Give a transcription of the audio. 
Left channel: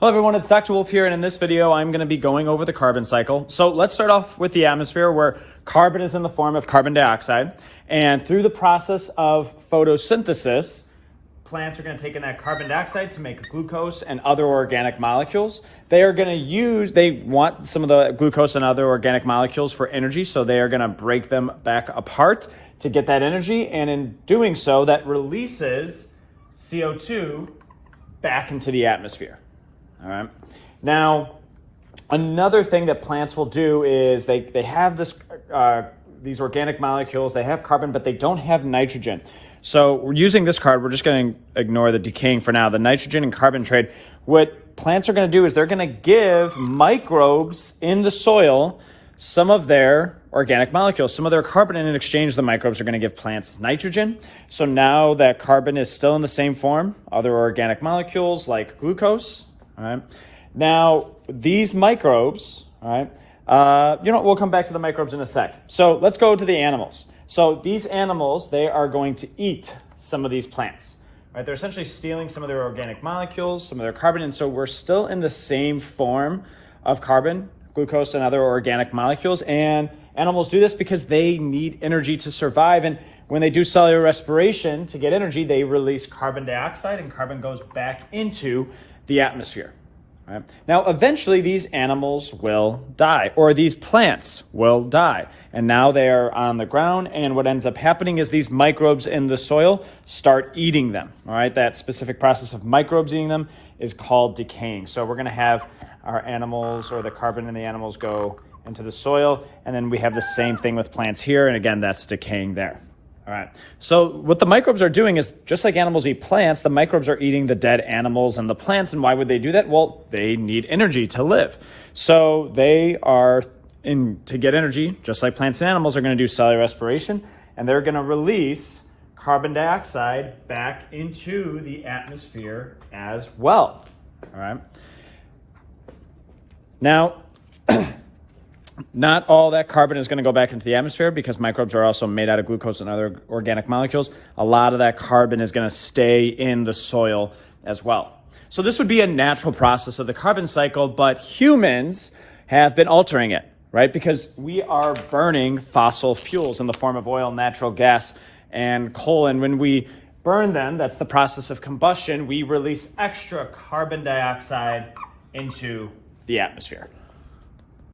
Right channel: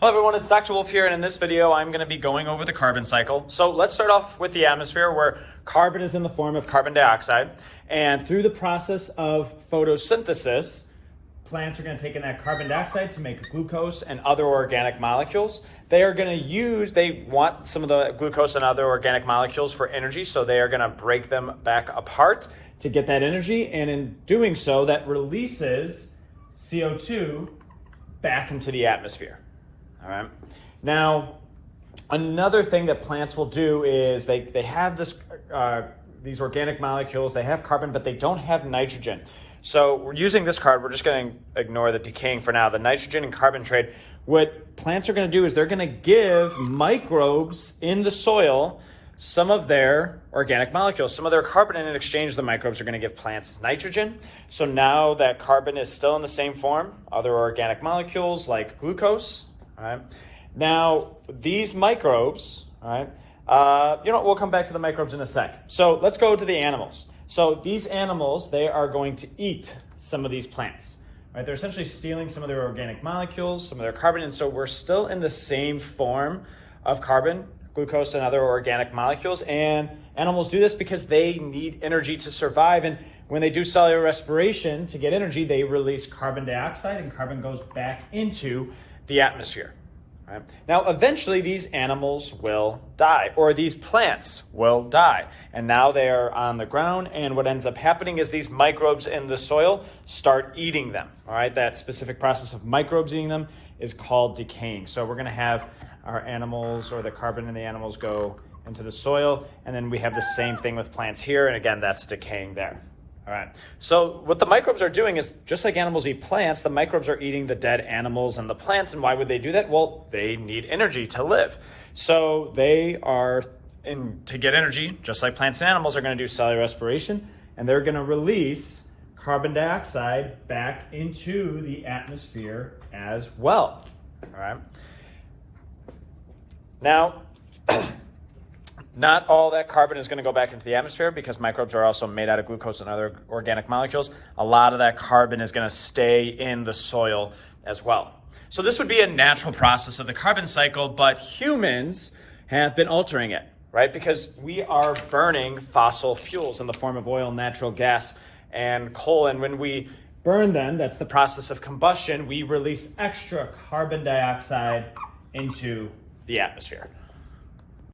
Hello everyone, it's Dr. Wolfe here, and in this video I'm going to be going over the carbon cycle. So let's start off with the atmosphere, where carbon is in the form of carbon dioxide, and through the process of photosynthesis, plants are going to take in that carbon dioxide to make glucose and other organic molecules. They want some of the glucose and other organic molecules for energy, so they are going to break them back apart to get that energy, and in doing so, that releases CO2 back into the atmosphere. All right. Now, another thing that plants will do is they have these organic molecules, they have carbon, but they don't have nitrogen. So using this card, we're just going to ignore the decaying for now. The nitrogen and carbon trade, what plants are going to do is they're going to give microbes in the soil some of their organic molecules, some of their carbon, and in exchange, the microbes are going to give plants nitrogen. So now that carbon is still in the same form, other organic molecules like glucose. All right. Now, these microbes, all right, we'll come back to the microbes in a sec. So let's go to the animals. So these animals, they are going to eat some of these plants. Right? They're essentially stealing some of their organic molecules, some of their carbon, and so we're still in the same form of carbon, glucose, and other organic molecules. And animals do this because they need energy to survive. And when they do cellular respiration to get energy, they release carbon dioxide, and carbon goes back into the atmosphere. Right? Now, eventually these animals will die, or these plants will die. And now they're on the ground, and what ends up happening is these microbes in the soil start eating them. All right, that specific process of microbes eating them is called decaying. So we're going to have our animals, or the carbon in the animals, go into the soil, and then we have the same thing with plants here, and again, that's decaying there. All right. So what the microbes are doing is, just like animals eat plants, the microbes are eating the dead animals and the plants. And why would they do that? Well, they need energy to live. So they are, to get energy, just like plants and animals, are going to do cellular respiration, and they're going to release carbon dioxide back into the atmosphere as well. All right. Now, not all that carbon is going to go back into the atmosphere, because microbes are also made out of glucose and other organic molecules. A lot of that carbon is going to stay in the soil as well. So this would be a natural process of the carbon cycle, but humans have been altering it, right? Because we are burning fossil fuels in the form of oil, natural gas, and coal. And when we burn them, that's the process of combustion, we release extra carbon dioxide into the atmosphere.